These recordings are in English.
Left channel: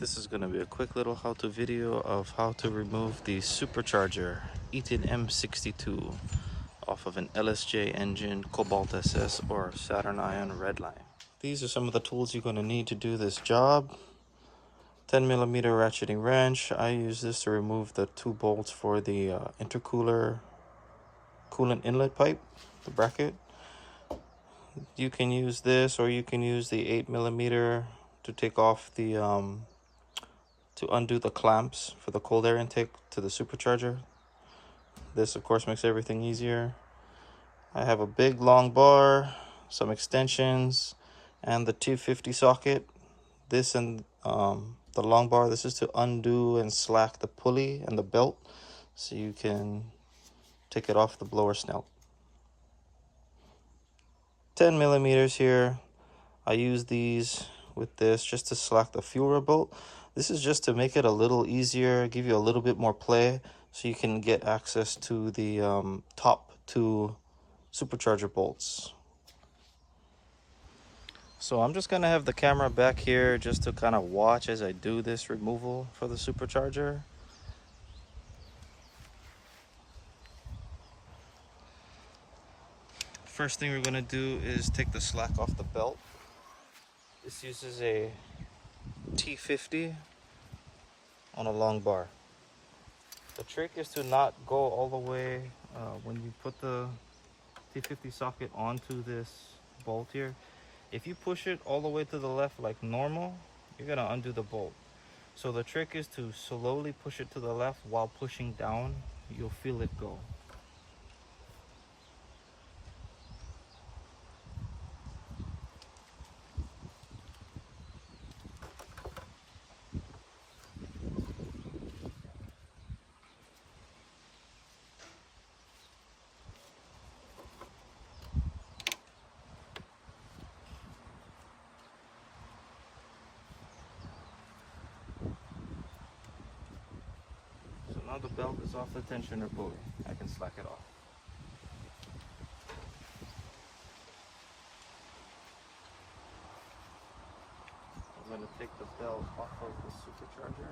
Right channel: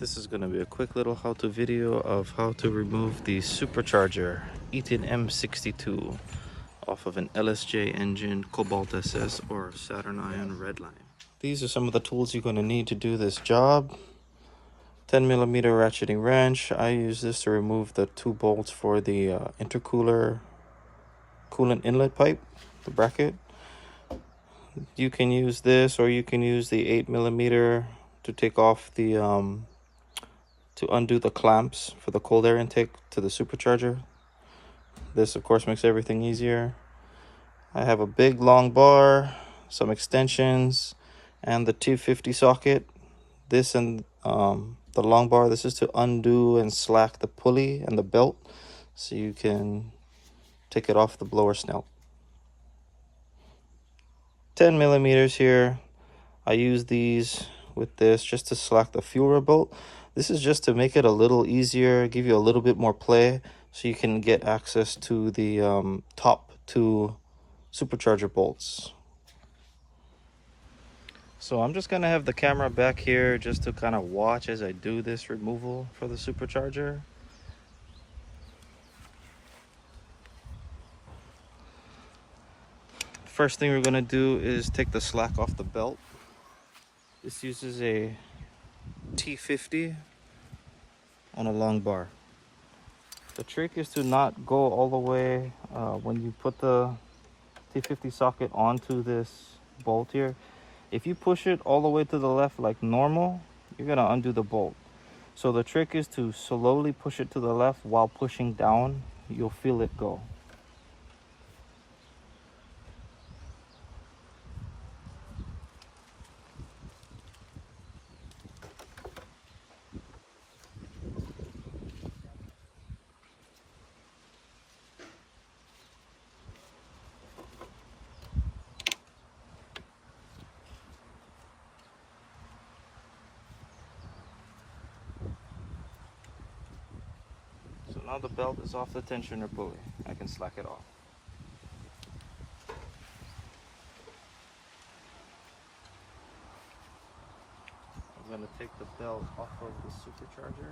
This is going to be a quick little how-to video of how to remove the supercharger Eaton M62 off of an LSJ engine, Cobalt SS, or Saturn Ion RedLine. These are some of the tools you're going to need to do this job. 10mm ratcheting wrench. I use this to remove the two bolts for the intercooler coolant inlet pipe, the bracket. You can use this, or you can use the 8mm to take off the to undo the clamps for the cold air intake to the supercharger. This of course makes everything easier. I have a big long bar, some extensions, and the T50 socket. This and the long bar, this is to undo and slack the pulley and the belt so you can take it off the blower snout. 10mm here. I use these with this just to slack the fuel rail bolt. This is just to make it a little easier, give you a little bit more play so you can get access to the top two supercharger bolts. So I'm just going to have the camera back here just to kind of watch as I do this removal for the supercharger. First thing we're going to do is take the slack off the belt. This uses a T50 on a long bar. The trick is to not go all the way when you put the T50 socket onto this bolt here. If you push it all the way to the left like normal, you're going to undo the bolt. So the trick is to slowly push it to the left while pushing down. You'll feel it go. So now the belt is off the tensioner pulley. I can slack it off. I'm going to take the belt off of the supercharger.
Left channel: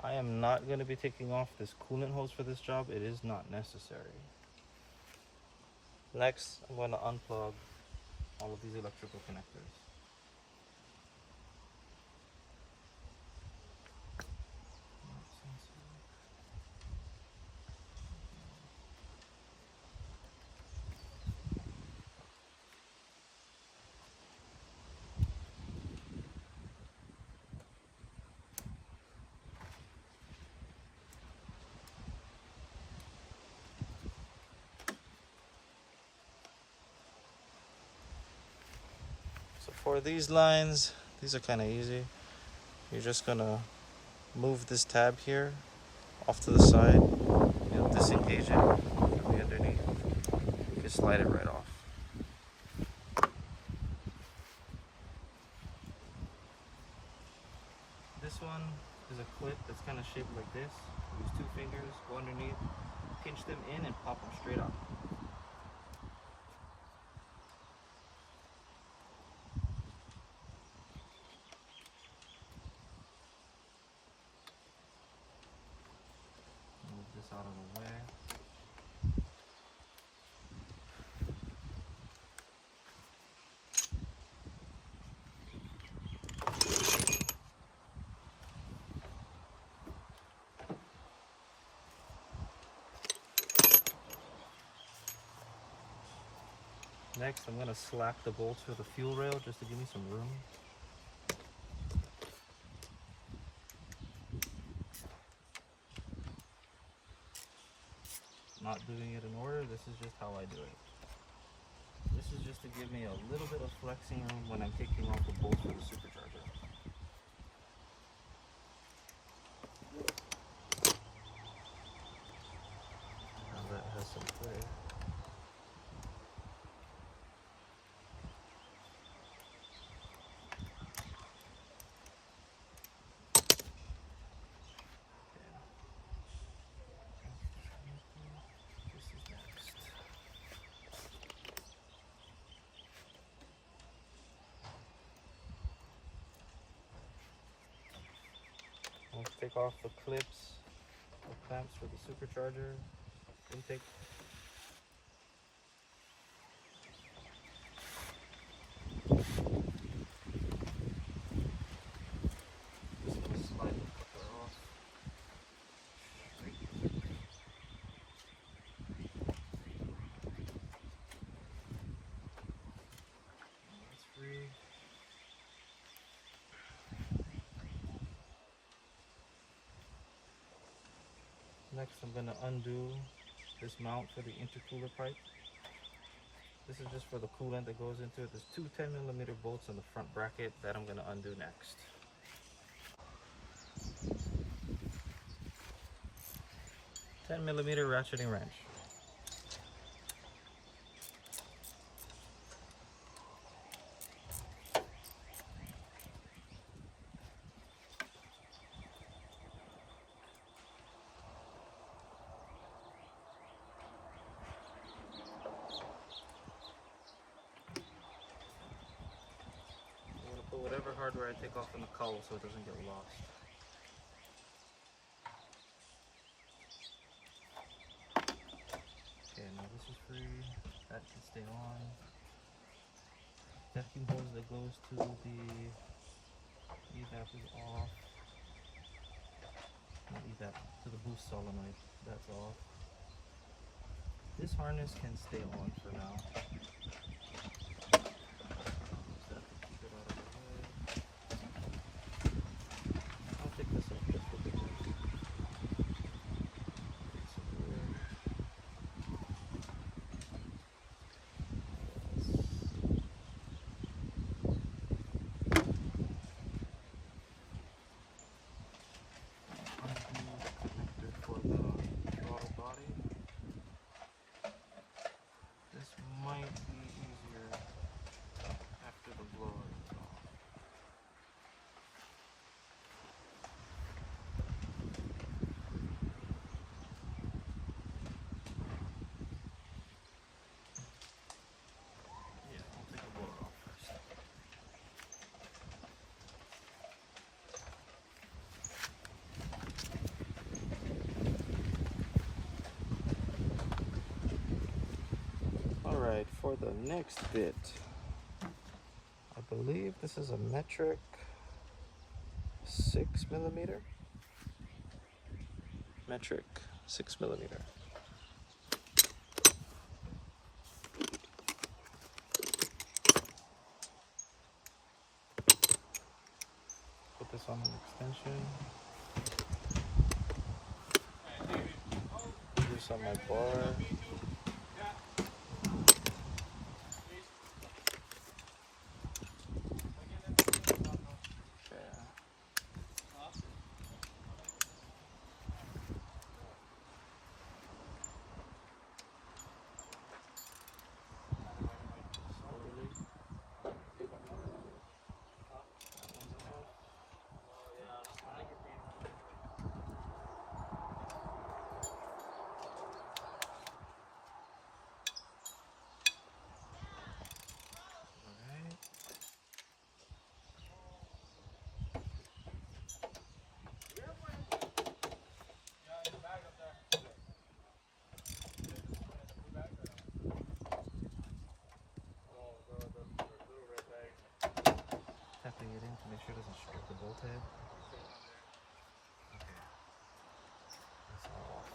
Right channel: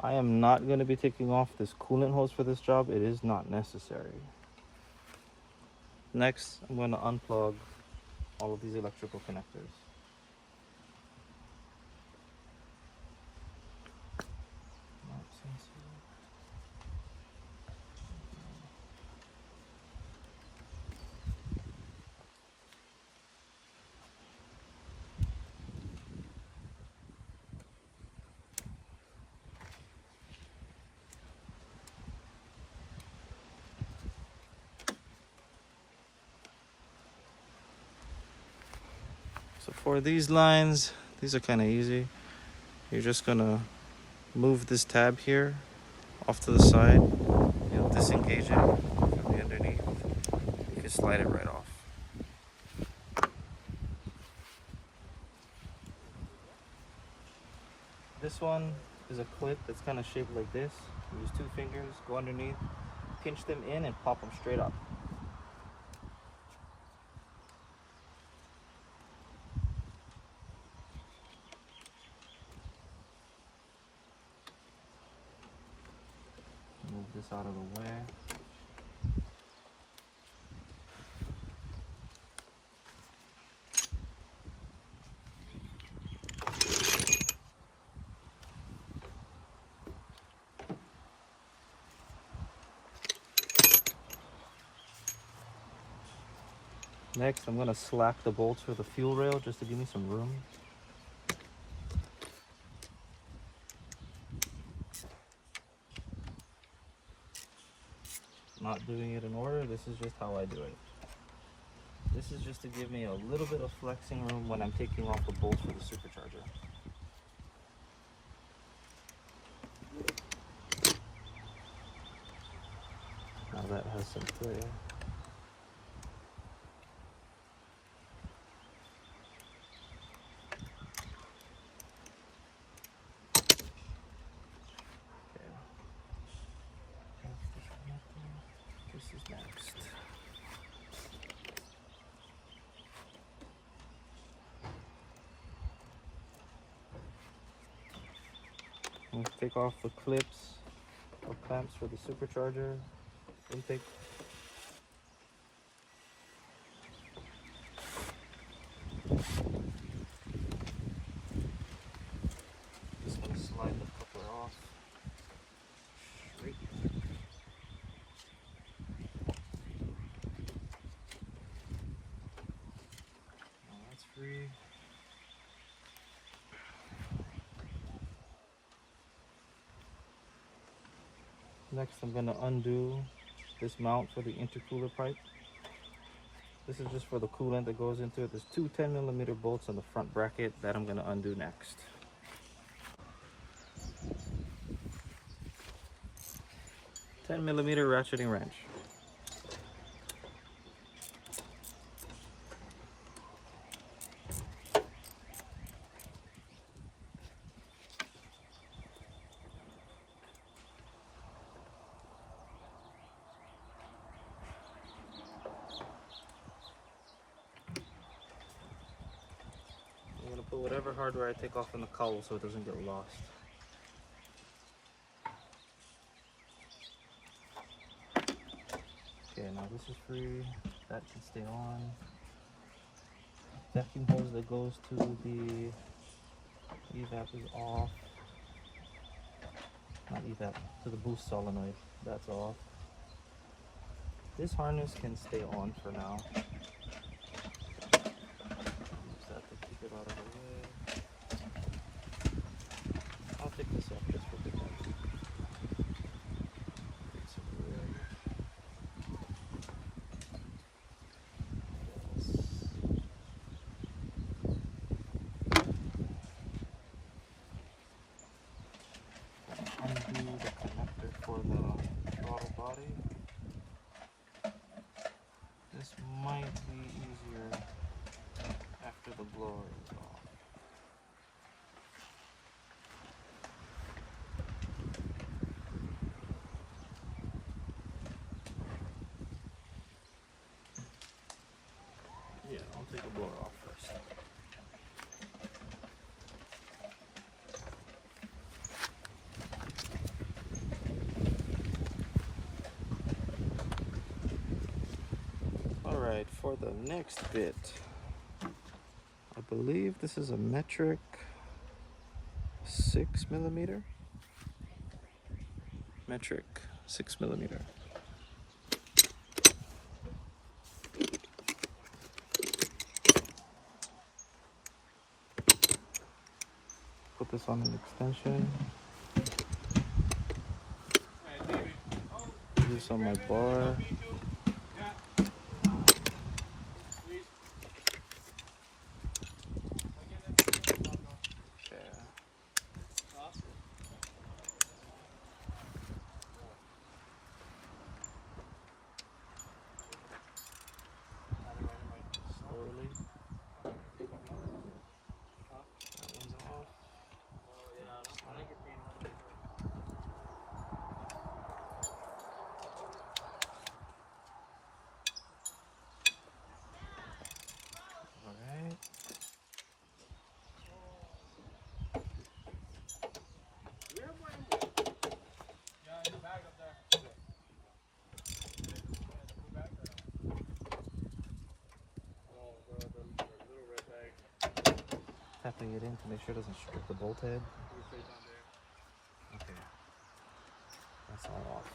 I am not going to be taking off this coolant hose for this job. It is not necessary. Next, I'm going to unplug all of these electrical connectors. So for these lines, these are kind of easy. You're just going to move this tab here off to the side and disengage it underneath. You can slide it right off. This one is a clip that's kind of shaped like this. Use two fingers, go underneath, pinch them in and pop them straight up. Move this out of the way. Next, I'm going to slack the bolts for the fuel rail just to give me some room. Not doing it in order, this is just how I do it. This is just to give me a little bit of flexing room when I'm taking off the bolts for the supercharger. Now that has some play. Next. And take off the clips or clamps for the supercharger intake. Just gonna slide the coupler off. Straight. Oh, that's free. Next, I'm going to undo this mount for the intercooler pipe. This is just for the coolant that goes into it. There's two 10mm bolts on the front bracket that I'm going to undo next. $10mm ratcheting wrench. I'm going to put whatever hardware I take off in the cowl so it doesn't get lost. Okay, now this is free. That can stay on. Vacuum hose that goes to the evap is off. Not evap, to the boost solenoid. That's off. This harness can stay on for now. Just have to keep it out of the way. I'll take this off just for the next. Undo the connector for the throttle body. This might be easier after the blower is off. Yeah, I'll take the blower off first. Alright, for the next bit, I believe this is a metric 6mm. Metric 6mm. Put this on an extension. Put this on my bar. Tapping it in to make sure it doesn't strip the bolt head. Okay, that's all off.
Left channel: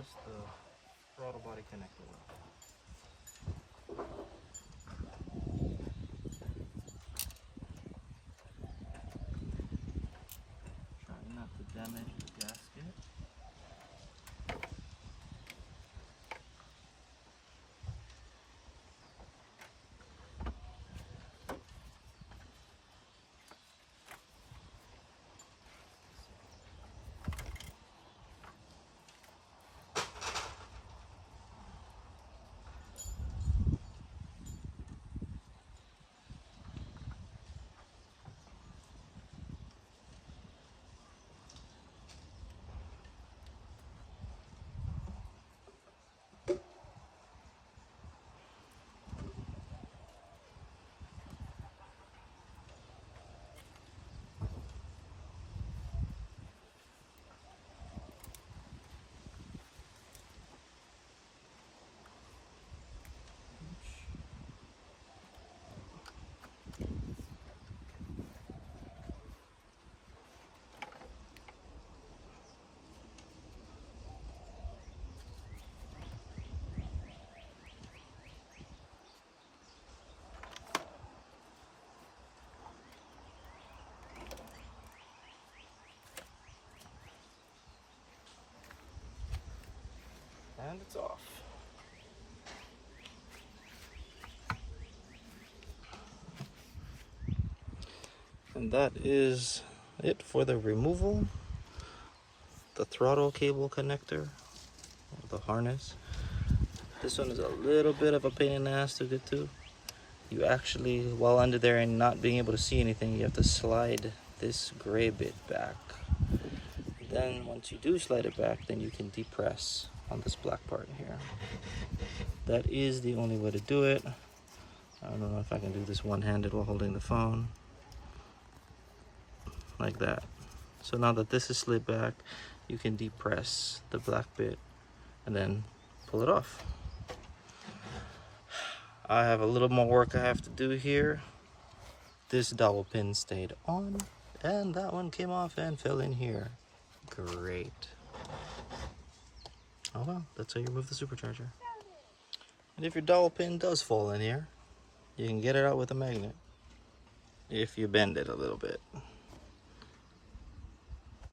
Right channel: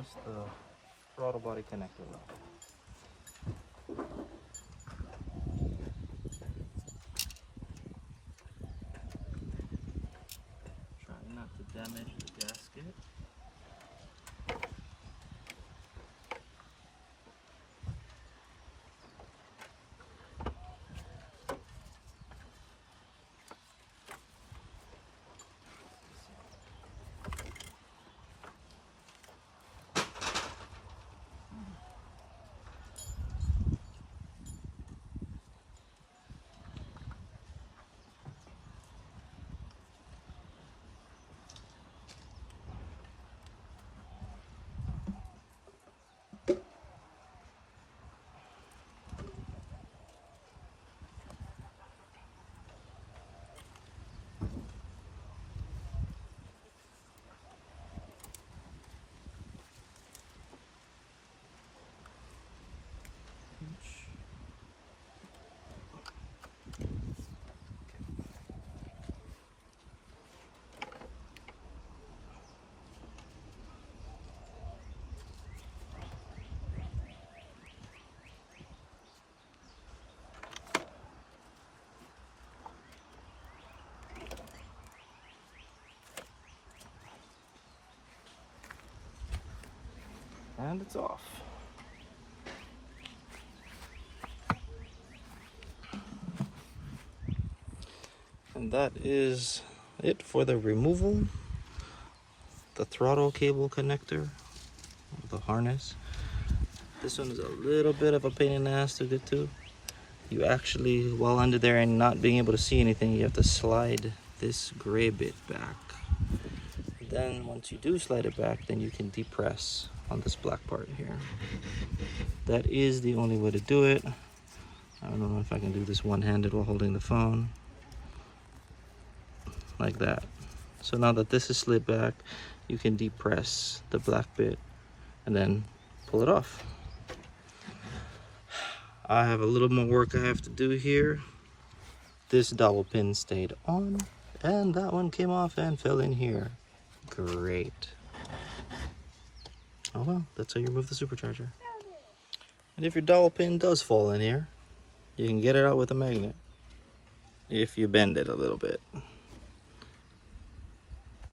just the throttle body connector left. Try not to damage the gasket. And it's off. And that is it for the removal. The throttle cable connector, the harness. This one is a little bit of a pain in the ass to get to. You actually, while under there and not being able to see anything, you have to slide this gray bit back. Then once you do slide it back, then you can depress on this black part here. That is the only way to do it. I don't know if I can do this one-handed while holding the phone. Like that. So now that this is slid back, you can depress the black bit and then pull it off. I have a little more work I have to do here. This dowel pin stayed on and that one came off and fell in here. Great. Oh well, that's how you remove the supercharger. And if your dowel pin does fall in here, you can get it out with a magnet if you bend it a little bit.